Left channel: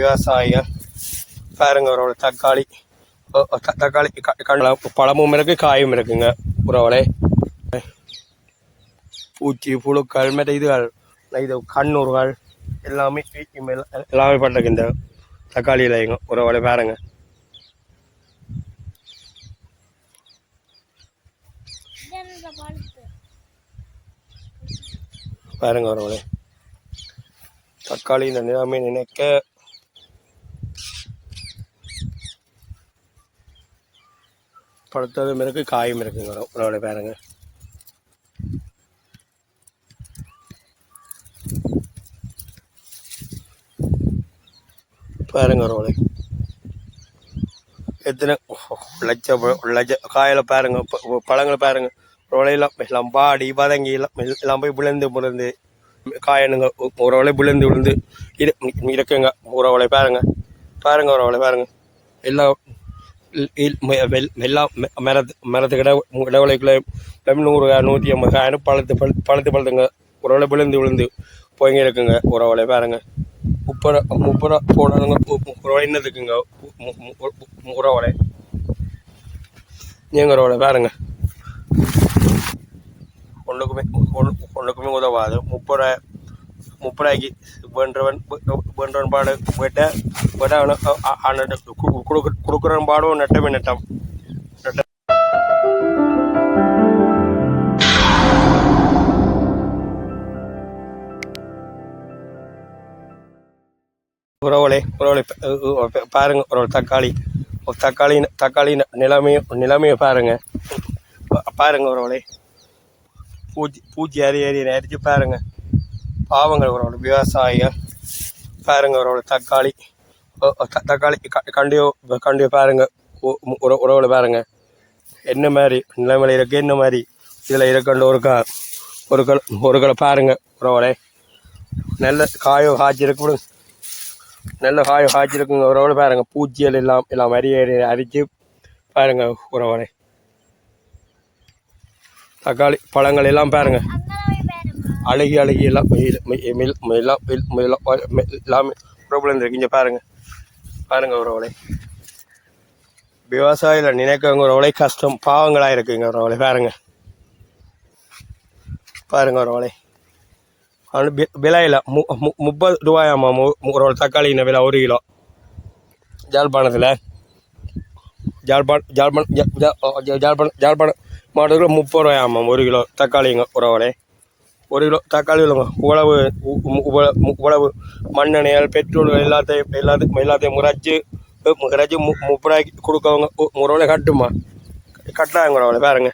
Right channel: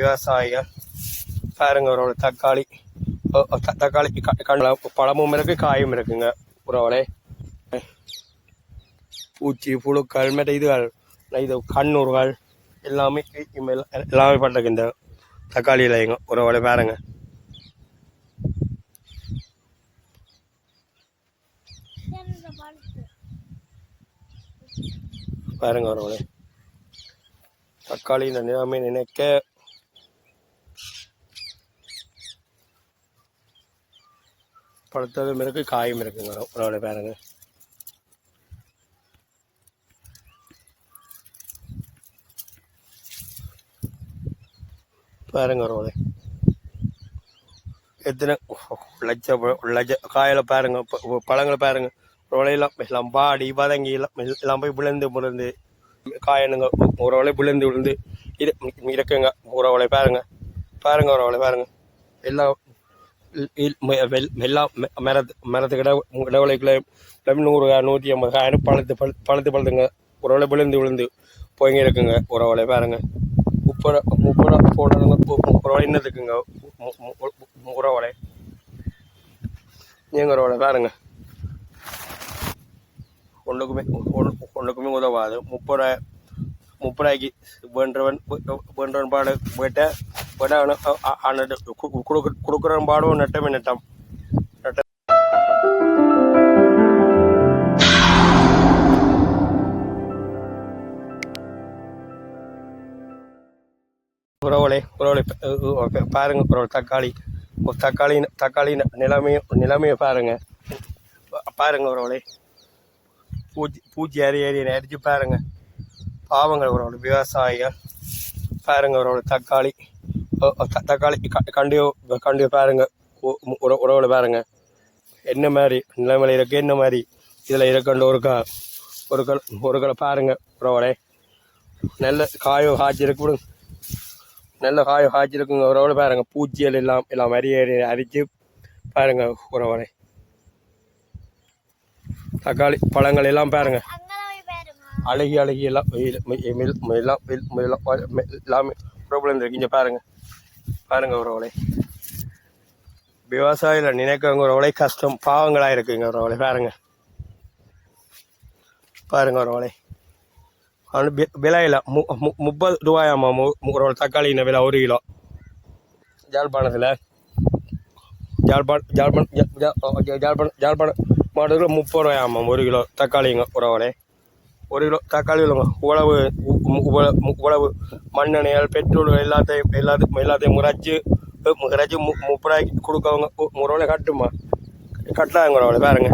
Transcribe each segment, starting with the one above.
விவசாயிகள் பாருங்க ஒரு தக்காளி தக்காளி பழமும் இருக்கு காயும் இருக்குங்க உறவுகளே. பூச்சி புழுக்கள் மற்ற இது கண்ணூர்கள் எல்லாமே எல்லாமே பண்ணுறதுக்கு இந்த தக்காளியில் எங்க உறவுகளே பாருங்க. பாருங்க உறவுகளே தக்காளி இந்த நிலைமை நினைக்க பழுத்ததும் இருக்கு காயும் இருக்குங்க உறவுகளே பாருங்க. பாருங்க உறவுகளே எத்தனை லட்ச காயில் பாருங்க பழங்களை பாருங்க உறவுலையெல்லாம் எல்லாம் பாடி வதங்கி எல்லாம் போய் விழுந்து காயனுங்க உறவுகளை விழுந்து இருக்குங்க உறவுகளை பாருங்க. பாருங்க உறவுகளை பாருங்க எல்லாம் எல்லாம் மரத்துக்கிட்ட இடவளைக்குள்ள 100 150 காயினும் பழுத்துங்க உறவுகளை விழுந்து போய்ங்க இருக்குங்க உறவுகளை பாருங்க. 30 போடுறதுங்க உறவுகளை என்னதுக்குங்க உறவுகளை நீங்க உறவுகளை பாருங்க ஒன்றுக்குமே உதவாது. 30 வேண்டவன் பாடு கொடுக்குறவன் பாடும் நட்டமே நட்டம். உறவுகளை பாருங்க ஒரு தக்காளி நிலைமையை பாருங்க. பாருங்க உறவுகளை பூச்சி ஏறி அரிச்சு பாருங்க பாவங்கள் உறவுகளை விவசாயிகள் பாருங்க உறவுகளை தக்காளி கண்டியோ பாருங்க உறவுகளை பாருங்க என்ன மாதிரி நிலைமையில இருக்கு என்ன மாதிரி இதில் இருக்குன்ற ஒரு களை பாருங்க உறவுகளை நல்ல காயோ காய்ச்சிருக்கு நல்ல காயோ காய்ச்சிருக்குங்க உறவுகளை பாருங்க பூச்சிகள் எல்லாம் அரிச்சு பாருங்க உறவுகளை தக்காளி பழங்கள் எல்லாம் பாருங்க அழுகி எல்லாம் எல்லாமே ப்ராப்ளம் இருக்கு. இங்கே பாருங்க உறவுகளை விவசாயில நினைக்கிறவங்க உறவுகளை கஷ்டம் பாவங்களாக இருக்குங்க உறவுகளை பாருங்க உறவுகளை விலையில் 30 ரூபாயாம்மா ஒரு தக்காளின விலை 1 கிலோ. ஜாழ்ப்பாணத்தில் ஜாழ்ப்பாணம் மாவட்டத்தில் 30 ரூபாயாம்மா 1 கிலோ தக்காளிங்க உறவுகளே. 1 கிலோ தக்காளி உழவு மண்ணெண்ணெய்கள் பெட்ரோல் எல்லாத்தையும் முறைச்சி 30 ரூபாய்க்கு கொடுக்கவங்க உறவுகளை கட்டுமா கட்டாங்க உறவுகளை பாருங்க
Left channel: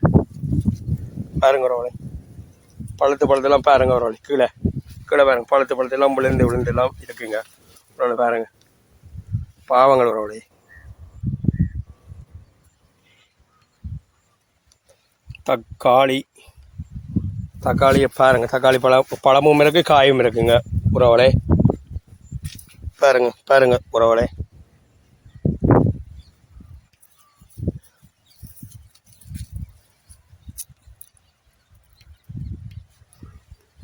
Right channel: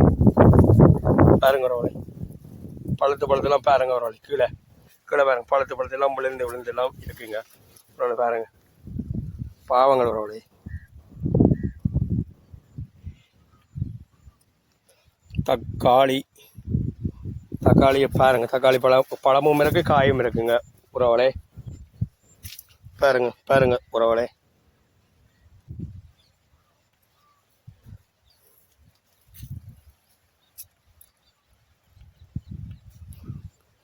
உறவுகளை பழத்தெல்லாம் பாருங்க உறவுகளை கீழே பாருங்க பழத்தெல்லாம் விழுந்து எல்லாம் இருக்குங்க உறவுகளை பாருங்க பாவங்கள் உறவுகளை. தக்காளியை பாருங்க தக்காளி பழமும் இருக்கு காயும் இருக்குங்க உறவுகளை பாருங்க உறவுகளை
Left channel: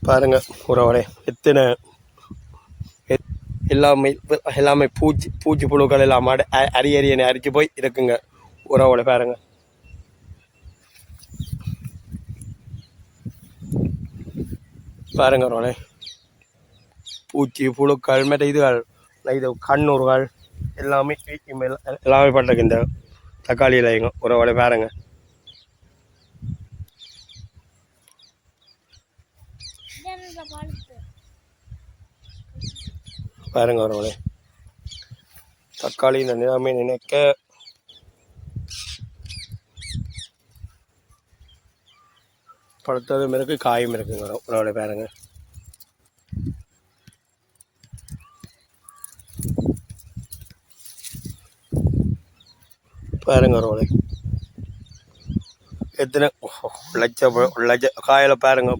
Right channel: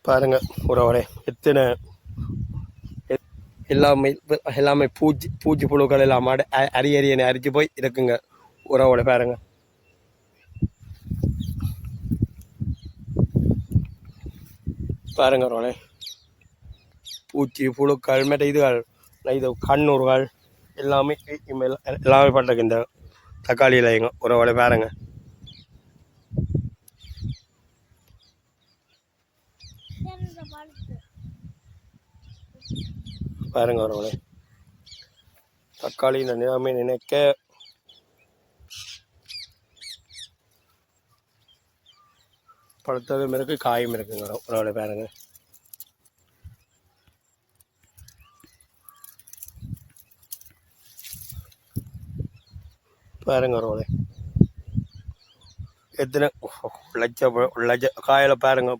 பாருங்க உறவுகளை எத்தனை எல்லாமே பூச்சி புழுக்கள் எல்லாம் அரியணை அரிச்சு போய் இருக்குங்க உறவுகளை பாருங்க. பாருங்க உறவுகளை பூச்சி புழுக்கள் மற்ற இது கண்ணூர்கள் எல்லாமே பண்ணுறதுக்கு இந்த தக்காளியில் எங்க உறவுகளை பாருங்க. பாருங்க உறவுகளை தக்காளி இந்த நிலைமை நினைக்க பழுத்ததும் இருக்கு காயும் இருக்குங்க உறவுகளை பாருங்க. பாருங்க உறவுகளை எத்தனை லட்ச காயில் பாருங்க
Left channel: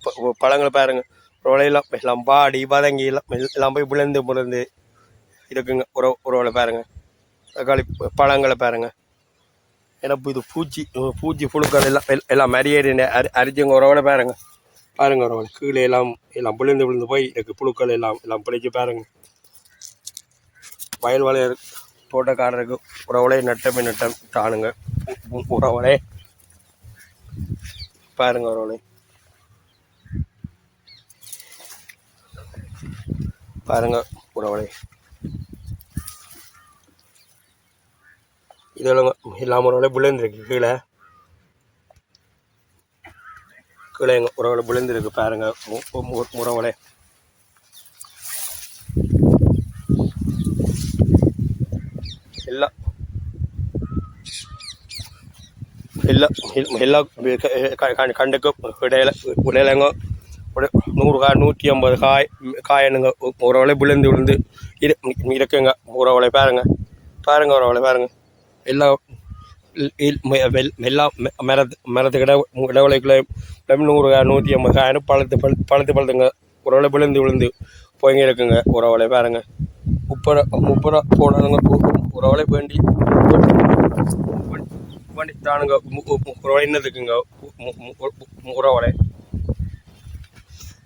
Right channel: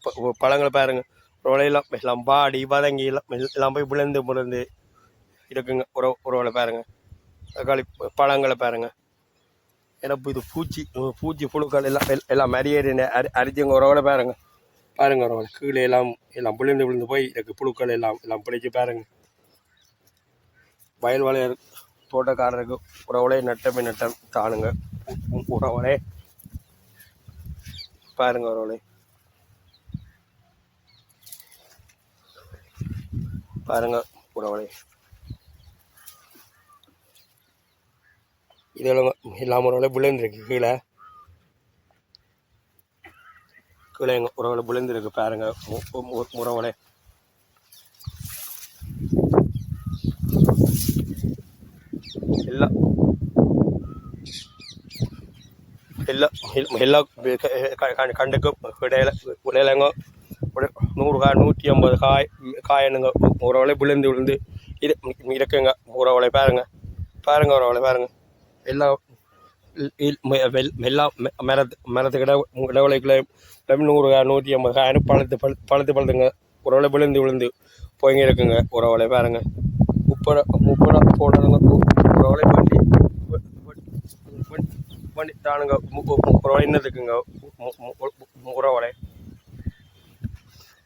பழங்களை பாருங்க உறவுலையெல்லாம் எல்லாம் பாடி வதங்கி எல்லாம் போய் விழுந்து இருக்குங்க உறவுகளை பாருங்க. தக்காளி பழங்களை பாருங்க எல்லாம் இது பூச்சி புழுக்கள் எல்லாம் அரிச்சுங்க உறவுகளை பாருங்க உறவுகளை கீழே எல்லாம் விழுந்து போய் இருக்கு புழுக்கள் எல்லாம் பிடிச்சி பாருங்க. வயல் வளையர் தோட்டக்காரருக்கு உறவுலே நட்டம் தானுங்க உறவுலே பாருங்க உறவுலே பாருங்க உறவுலே இதெல்லாம் எல்லாம் உறவுலே விழுந்துருக்கு கீழே எங்கள் உறவுல விழுந்துருக்கு பாருங்க உறவுலே எல்லாம் எல்லாம் எல்லாம் கண்டுக்கும் இடையிலங்க ஒரு 100 காய் 150 காயனுங்க உறவுல விழுந்து இருக்குங்க உறவுல பாருங்க உறவுல பாருங்க எல்லாம் எல்லாம் மரத்துக்கிட்ட இடவளைக்குள்ள 100 காய் 150 காயின்னு பழுத்துங்க உறவுல விழுந்து போய்ங்க இருக்குங்க உறவுல பாருங்க முப்பது போனதுங்க உறவுல வண்டி தானுங்க உறவுல என்னதுக்குங்க உறவுல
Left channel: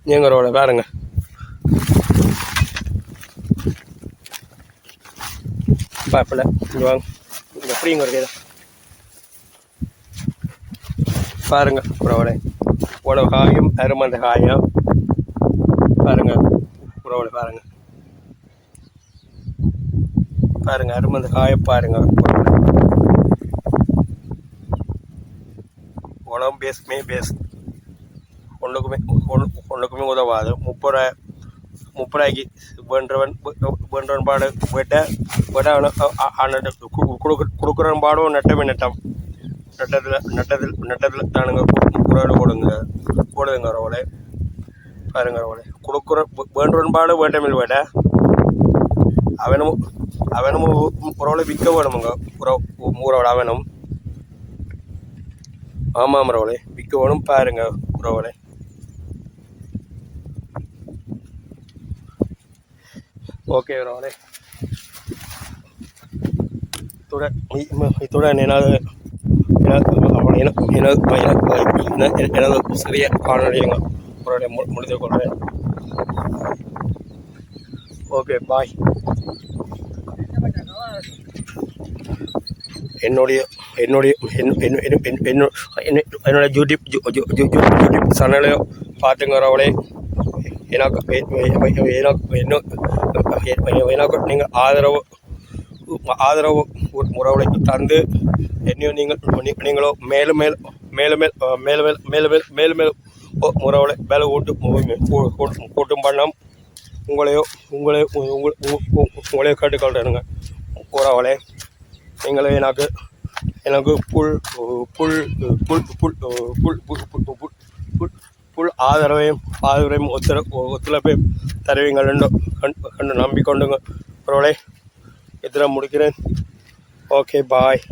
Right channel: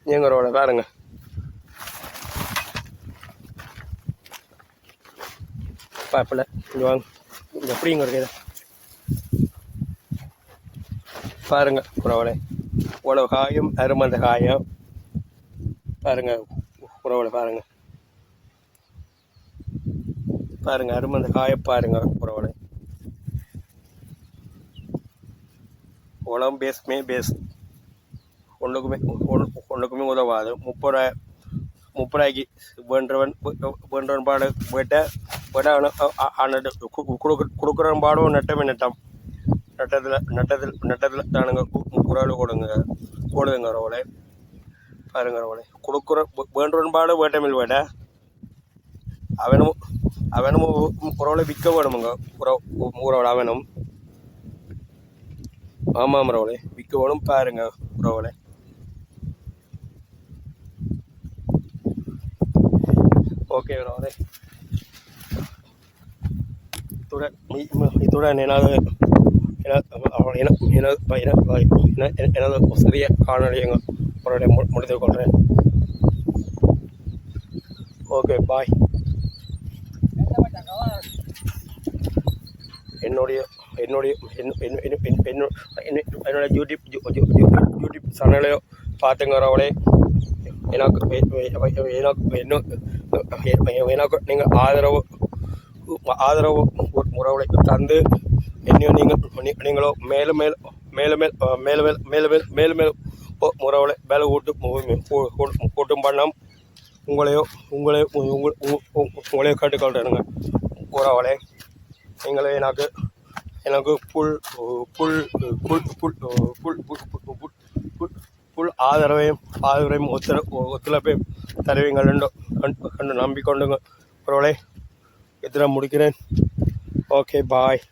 நீங்கள் உறவுல பாருங்க பாப்பில் இங்கே வாங்க எப்படிங்க இருக்குது பாருங்க உறவுல உழவு காயும் அருமந்த காயும் பாருங்க உறவுல பாருங்க அருமந்த காய பாருங்க உழவு பேஸ் ஒன்றுக்குமே உதவாது 30 ரூபாய்க்கு வேண்டவன் பாடு போயிட்ட கொடுக்குறவன் பாடும் நட்டம் நட்டத்தில் தானுங்க உறவுல போடுதுங்க உறவுல பாருங்க உறவுல கொடுக்குற வேண்டவன் பாடு வேண்டமில் போயிட்ட அவனும் உறவுல விற்க வேணுமுங்க உறவுல அவனும் ஆமாம் உறவுல விற்க வேணும் பாருங்க உறவுல ஓகே உறவுல இத்துடன் எனது சிறிய காணொலிங்க உறவுல முடித்து கொள்கிறேன் ஓகே பாய் என்னுடைய யூடியூப் சேனலையும் பார்த்துங்க உறவுலே எனக்கு நீங்கள் ஆதரவு உறவுகளை தந்து இன்னும் நீங்களோ மேலும் உறவுகளை வேலை கூட்டும் பண்ணாம் உங்களையோ கேட்டுக்கொள்றேனுங்க உறவுகளே நீங்களே எனக்கு புல் ஆதரவையும் ஒத்துழைப்பையும் தருவீங்கள் என்று நம்பிக்கொண்டுங்க உறவுகளே இதில் முடிக்கிறேன் ஓகே பாய்